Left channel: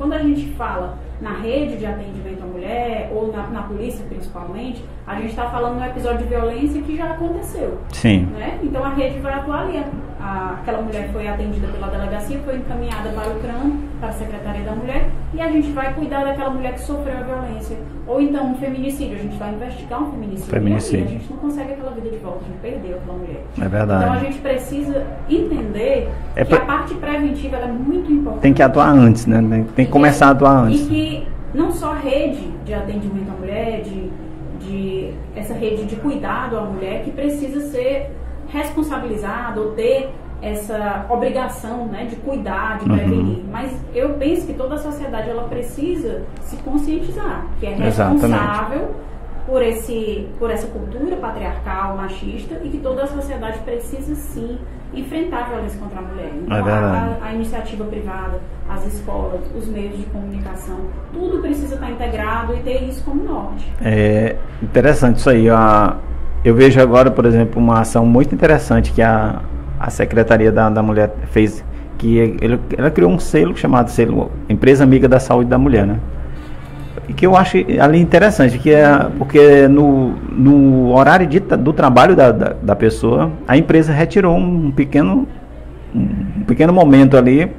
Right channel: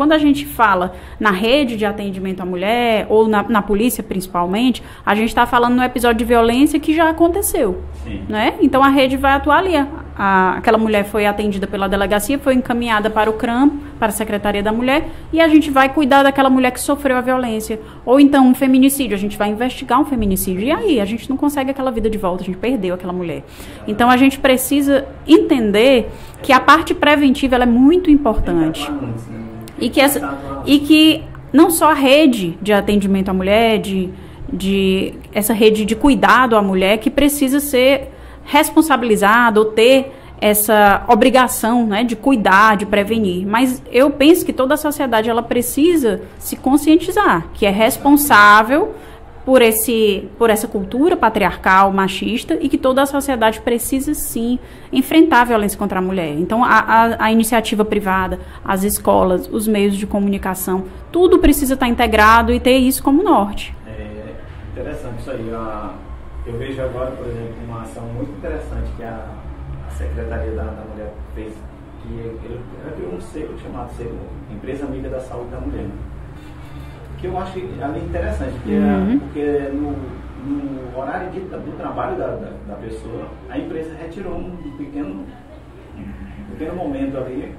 quando a gente fala na rede de atendimento à mulher, ou na polícia principalmente, a gente está falando no episódio de violência que já aconteceu. Sim. Né? Então a rede vai atuar ali. Aquela mulher foi atendida pela delegacia, foi encaminhada para o CRAM, para a Secretaria da Mulher, e a gente vai cuidar daquela mulher que sofreu a violência. Ou então um feminicídio, a gente vai investigar um feminicídio. E aí, a gente não consegue aquela vida de volta, a gente perdeu aquela mulher. É verdade. Então a gente precisa entender que a parte preventiva ela é muito importante. Tem que atuar antes, né? Tem que começar a atuar antes. E que não só a rede de atendimento à mulher, essa rede de cuidado à mulher, que precisa ser responsabilizada ou ter essa obrigação, né, de cuidar, de prevenir. Mas eu penso que toda a sociedade ela precisa se conscientizar, que é responsável por essa cultura patriarcal, machista, e que toda a sociedade precisa sim enfrentar a violência contra a mulher. Então a iniciativa privada, as escolas, os meios de comunicação, tudo precisa estar integrado e ter isso como norte. É interessante isso aí. Eu vejo agora, por exemplo, uma ação muito interessante que a Secretaria da Mulher fez, que ela criou um selo chamado selo Empresa Amiga da Saúde da Mulher, né? E que eu acho ali interessante, que porque no horário do trabalho da pessoa, a empresa retirou um pequeno momento ali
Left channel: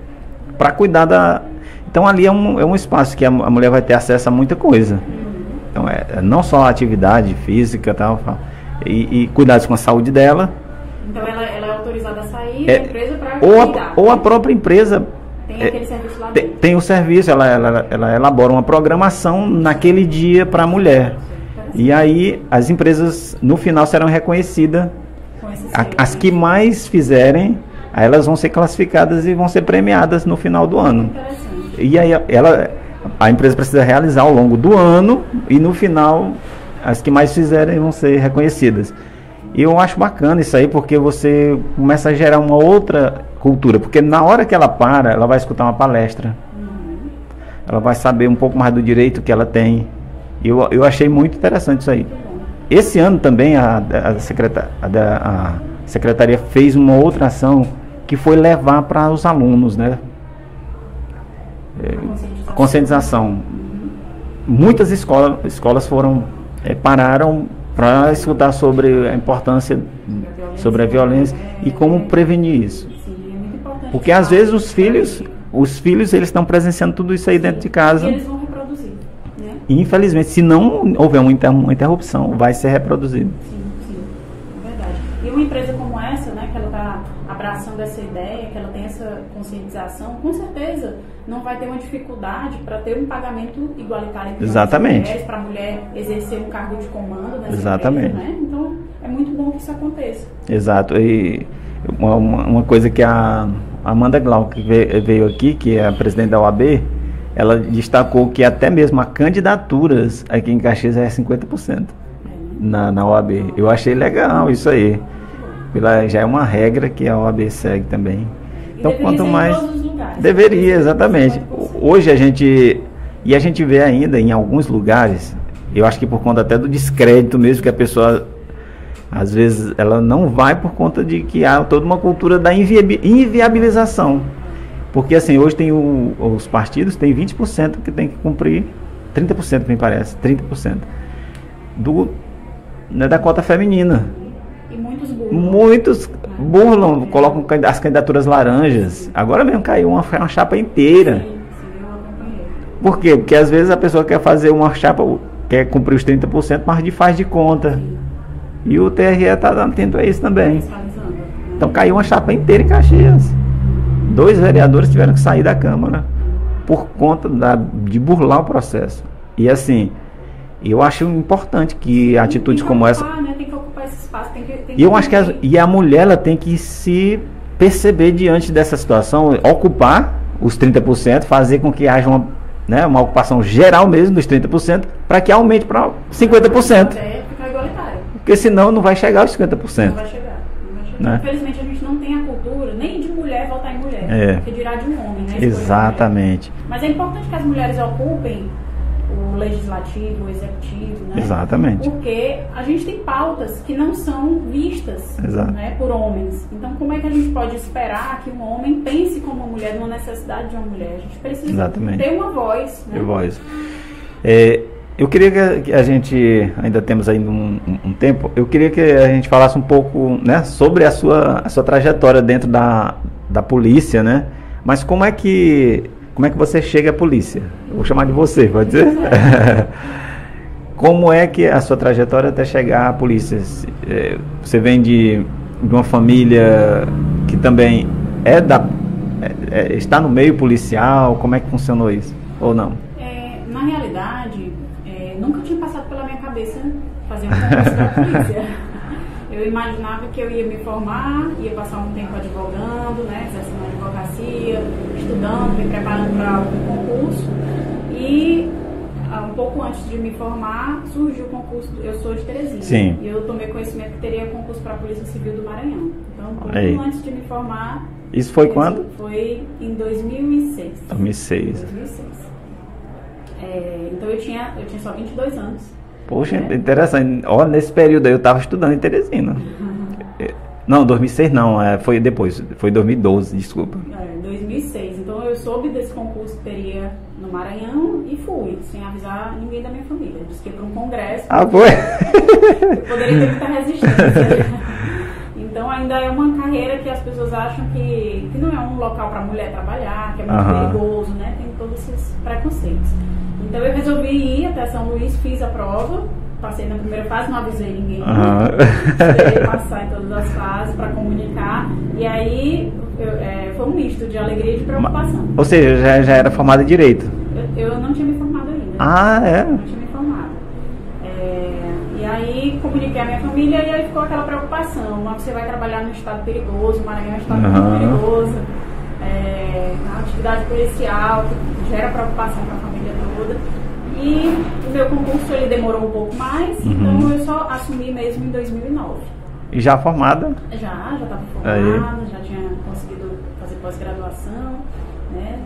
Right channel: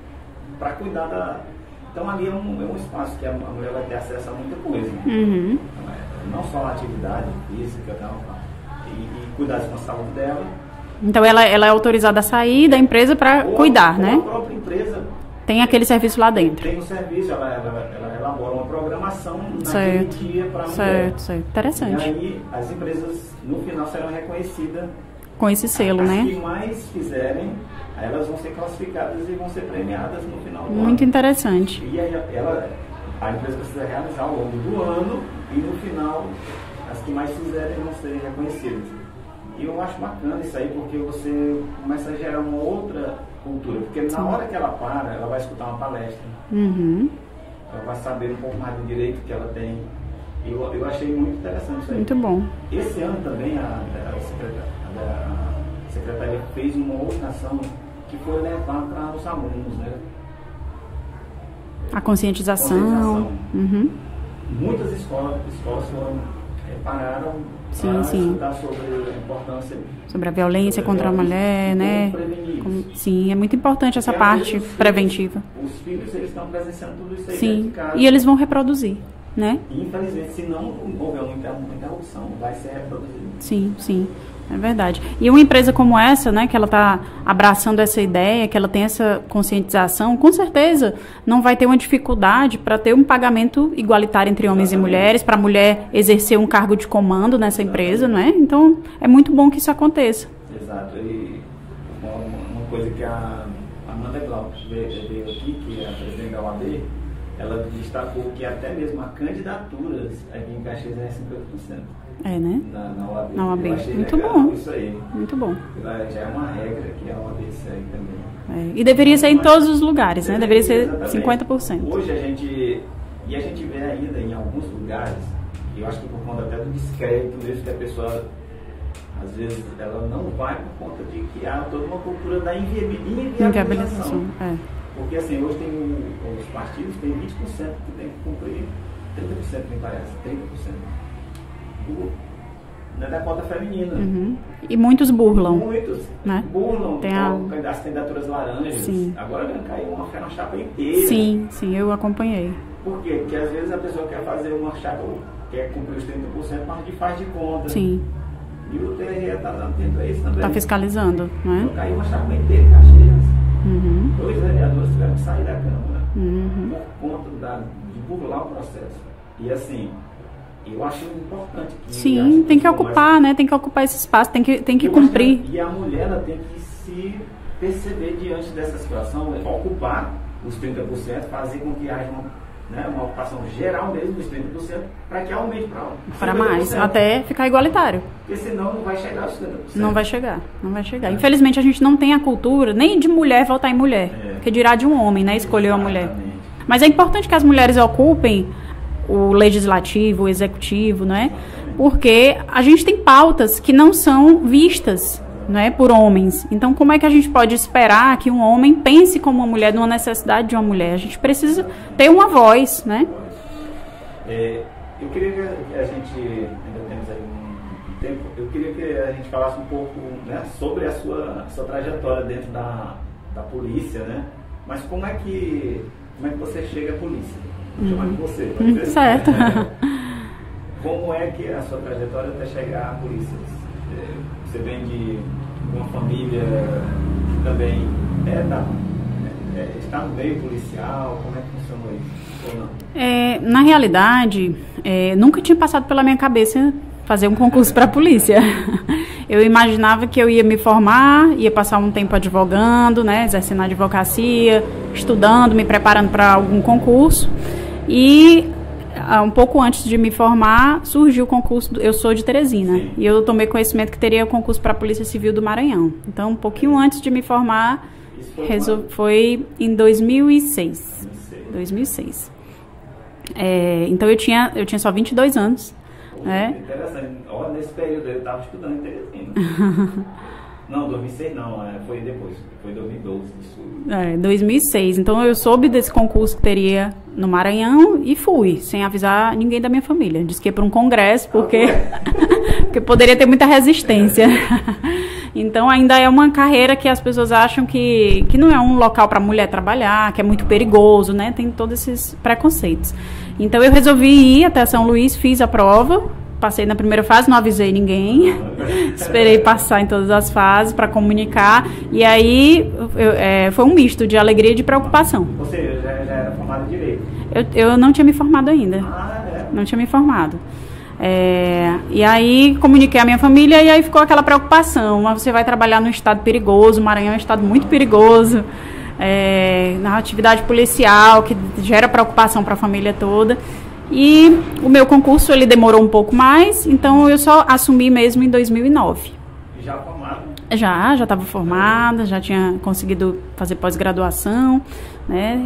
para cuidar Então ali é um espaço que a mulher vai ter acesso a muita coisa. Então não só a atividade física e cuidados com a saúde dela. Então ela é autorizada a sair da empresa para cuidar. Ou a própria empresa tem aquele serviço lá dentro. Tem o serviço, ela elabora uma programação naquele dia para a mulher. Interessante. E aí as empresas no final serão reconhecidas com esse selo, as que mais fizerem, aí elas vão ser classificadas e vão ser premiadas no final do ano. Muito interessante. E aí a empresa precisa realizar ao longo do ano e no final as que mais fizerem vão ser reconhecidas. E eu acho bacana isso aí, porque você começa a gerar uma outra cultura, porque na hora que ela para, ela vai escutar uma palestra. Ela vai saber um pouco mais do direito que ela tem. Eu achei muito interessante isso aí. Muito bom. Esse ano também a Secretaria fez uma outra ação que foi levar para os alunos, né? A conscientização. Conscientização. Muitas escolas pararam para escutar sobre a importância sobre a violência contra a mulher, e como prevenir isso. Sim, é muito importante porque essa às parte vezes preventiva. Os filhos eles estão presenciando tudo isso aí dentro de casa. E eles vão reproduzir, né? E infelizmente, se não houver uma interrupção, vai ser reproduzido. Sim. É verdade. E uma empresa como essa, né, que ela está abraçando essa ideia, que ela tem essa conscientização, com certeza não vai ter uma dificuldade para ter um pagamento igualitário entre homens e mulheres, para a mulher exercer um cargo de comando nessa empresa, né? Então, é muito bom que isso aconteça. Exato. E uma coisa que a Amanda Glauco, que veio aqui, que é a presidente da OAB, ela destacou que até mesmo a candidaturas aqui em Caxias é 50%. Né? Na OAB. Eu achei legal isso aí. Muito bom. Já é uma regra que a OAB segue também. E então, deveria ser em todos os lugares. Deveria ser exatamente. 50%. Hoje a gente vê ainda em alguns lugares, eu acho que por conta até do descrédito mesmo, que a pessoa às vezes ela não vai por conta de que há toda uma cultura da inviabilização. Porque assim, hoje tem os partidos tem 20% que tem que cumprir, 30% me parece, 30%. Da cota feminina. E muitos burlam. Muitos burlam, colocam as candidaturas laranjas. Sim. Agora mesmo caiu uma chapa inteira. Sim, eu acompanhei. Por quê? Porque às vezes a pessoa quer fazer uma chapa, quer cumprir os 30%, mas faz de conta. Sim. E o TRE está atento a isso também. Está fiscalizando. Né? Então caiu uma chapa inteira em Caxias. 2 vereadores tiveram que sair da Câmara por conta de burlar o processo. E assim, eu acho importante que atitudes como essa... Né? Tem que ocupar esse espaço, tem que eu acho que a mulher ela tem que se perceber diante dessa situação, ocupar os 30%, fazer com que haja uma ocupação geral mesmo dos 30%, para que aumente para 50%. Até ficar igualitário. Porque senão não vai chegar aos 50%. Não vai chegar. Infelizmente a gente não tem a cultura nem de mulher votar em mulher, porque dirá de um homem, né? Escolher uma mulher. Exatamente. Mas é importante que as mulheres ocupem o legislativo, o executivo, não é? Exatamente. Porque a gente tem pautas que não são vistas, né, por homens. Então, como é que a gente pode esperar que um homem pense como uma mulher, numa necessidade de uma mulher? A gente precisa ter uma voz, né? Eu queria que a gente, ainda temos ainda um tempo, eu queria que a gente falasse um pouco, né, sobre a sua trajetória dentro da polícia, né? Mas como é que você chega à polícia? Vou chamar de você, pode ser? Certo. Como é que a sua trajetória até chegar à polícia? Você vem de uma família que também está no meio policial? Como é que funcionou isso? Ou não? Na realidade, nunca tinha passado pela minha cabeça fazer um concurso para a polícia. Eu imaginava que eu ia me formar, ia passar um tempo advogando, né, exercendo a advocacia, estudando, me preparando para algum concurso. E um pouco antes de me formar, surgiu o concurso. Eu sou de Teresina. Sim. E eu tomei conhecimento que teria o concurso para a Polícia Civil do Maranhão. Então, um pouquinho antes de me formar... Isso foi quando? Foi em 2006. 2006. Então eu tinha só 22 anos. Poxa, interessante. Ó, nesse período aí eu estava estudando em Teresina. Não, 2006 não, foi depois, foi 2012, desculpa. 2006. Então eu soube desse concurso que teria no Maranhão e fui, sem avisar ninguém da minha família. Disse que ia para um congresso, porque poderia ter muita resistência. Então ainda é uma carreira que as pessoas acham que não é um local para mulher trabalhar, que é muito perigoso, né? Tem todos esses preconceitos. Então eu resolvi ir até São Luís, fiz a prova, passei na primeira fase, não avisei ninguém, esperei passar em todas as fases para comunicar, e aí foi um misto de alegria e de preocupação. Ou seja, já era formada em Direito? Eu não tinha me formado ainda. Não tinha me formado. E aí comuniquei à minha família e aí ficou aquela preocupação. Mas você vai trabalhar num estado perigoso, o Maranhão é um estado muito perigoso, na atividade policial, que gera preocupação para a família toda. E o meu concurso ele demorou um pouco mais, então eu só assumi mesmo em 2009. E já formada? Já estava formada, já tinha conseguido fazer pós-graduação, né?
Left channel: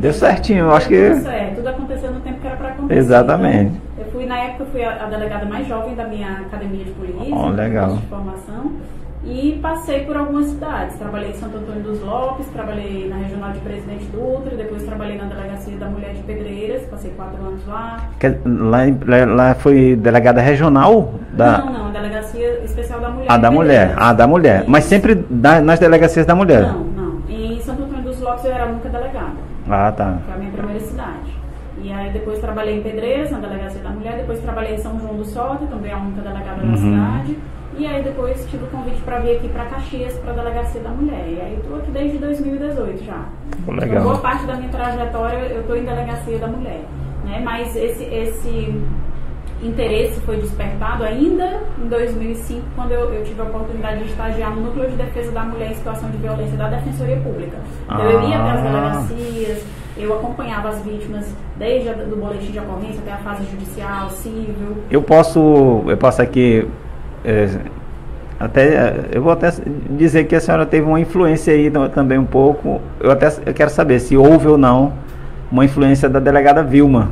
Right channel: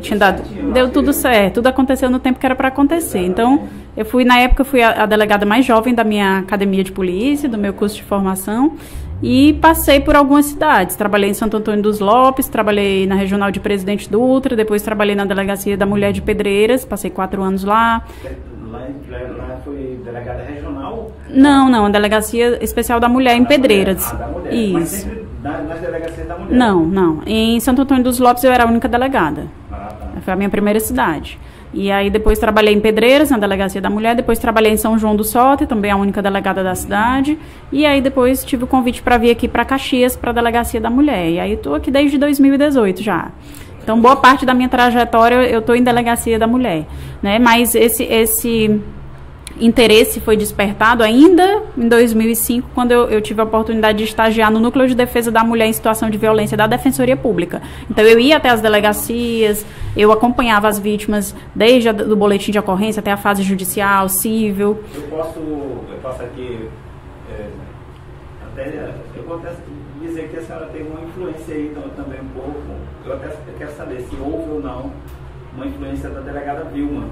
Deu certinho, eu acho que... tudo certo, tudo aconteceu no tempo que era para acontecer. Exatamente. Então, na época, eu fui a delegada mais jovem da minha academia de polícia, do meu curso de formação, e passei por algumas cidades. Trabalhei em Santo Antônio dos Lopes, trabalhei na Regional de Presidente Dutra, depois trabalhei na Delegacia da Mulher de Pedreiras, passei 4 anos lá. Lá foi delegada regional? Não, a Delegacia Especial da Mulher em Pedreiras. Da mulher. Isso. Mas sempre nas delegacias da mulher? Não. Em Santo Antônio dos Lopes eu era a única delegada. Tá. Foi a minha primeira cidade. E aí depois trabalhei em Pedreiras, na Delegacia da Mulher, depois trabalhei em São João do Soter, também a única delegada da cidade. E aí depois tive o convite para vir aqui para Caxias, para a Delegacia da Mulher. E aí estou aqui desde 2018 já. Então boa parte da minha trajetória eu estou em Delegacia da Mulher, né? Mas esse interesse foi despertado ainda em 2005, quando eu tive a oportunidade de estagiar no Núcleo de Defesa da Mulher em Situação de Violência da Defensoria Pública. Então eu ia até as delegacias, eu acompanhava as vítimas desde o boletim de ocorrência até a fase judicial, civil. Eu posso aqui eu vou até dizer que a senhora teve uma influência aí também um pouco. Eu quero saber se houve ou não uma influência da delegada Vilma.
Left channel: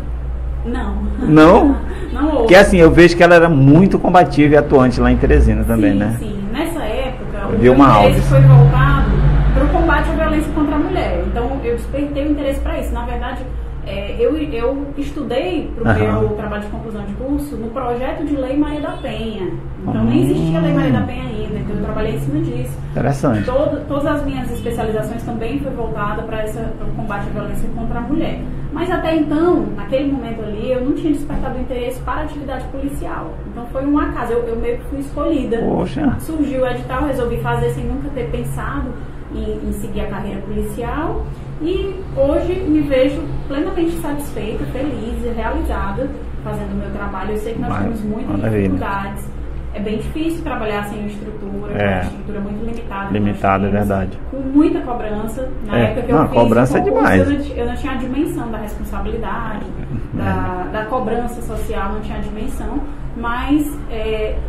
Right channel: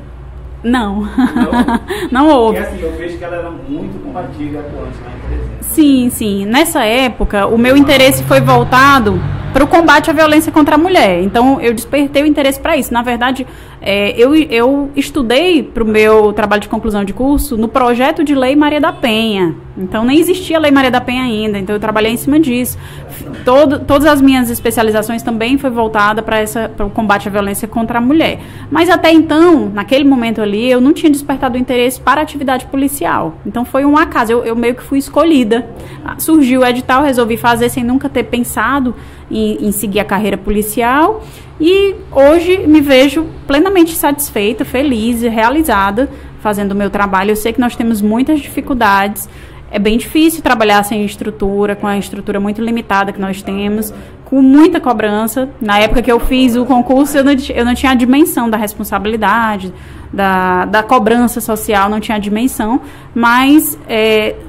Não. Não? Não houve. Porque assim, eu vejo que ela era muito combativa e atuante lá em Teresina também, né? Sim. Nessa época, o meu interesse foi voltado para o combate à violência contra a mulher. Então, eu despertei o interesse para isso. Na verdade, eu estudei para o meu trabalho de conclusão de curso no projeto de Lei Maria da Penha. Então, nem existia a Lei Maria da Penha ainda. Então, eu trabalhei em cima disso. Interessante. Todas as minhas especializações também foi voltada para o combate à violência contra a mulher. Mas até então, naquele momento ali, eu não tinha despertado o interesse para a atividade policial. Então, foi um acaso. Eu meio que fui escolhida. Poxa. Surgiu o edital, resolvi fazer sem nunca ter pensado em seguir a carreira policial. E hoje me vejo plenamente satisfeita, feliz e realizada fazendo o meu trabalho. Eu sei que nós temos muitas dificuldades. É bem difícil trabalhar sem estrutura, com a estrutura muito limitada que nós temos, com muita cobrança. Na época que eu fiz o concurso, eu não tinha a dimensão da responsabilidade, da cobrança social, não tinha a dimensão, mas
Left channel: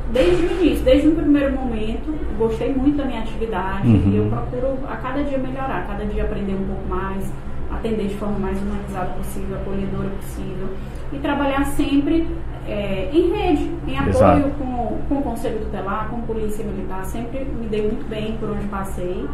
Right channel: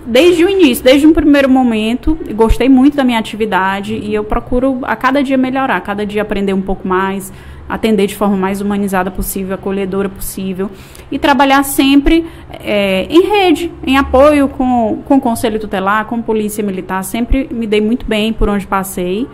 desde o início, desde um primeiro momento, gostei muito da minha atividade e eu procuro a cada dia melhorar, a cada dia aprender um pouco mais, atender de forma mais humanizada possível, acolhedora possível, e trabalhar sempre em rede, em apoio com o Conselho Tutelar, com Polícia Militar. Sempre me dei muito bem por onde passei.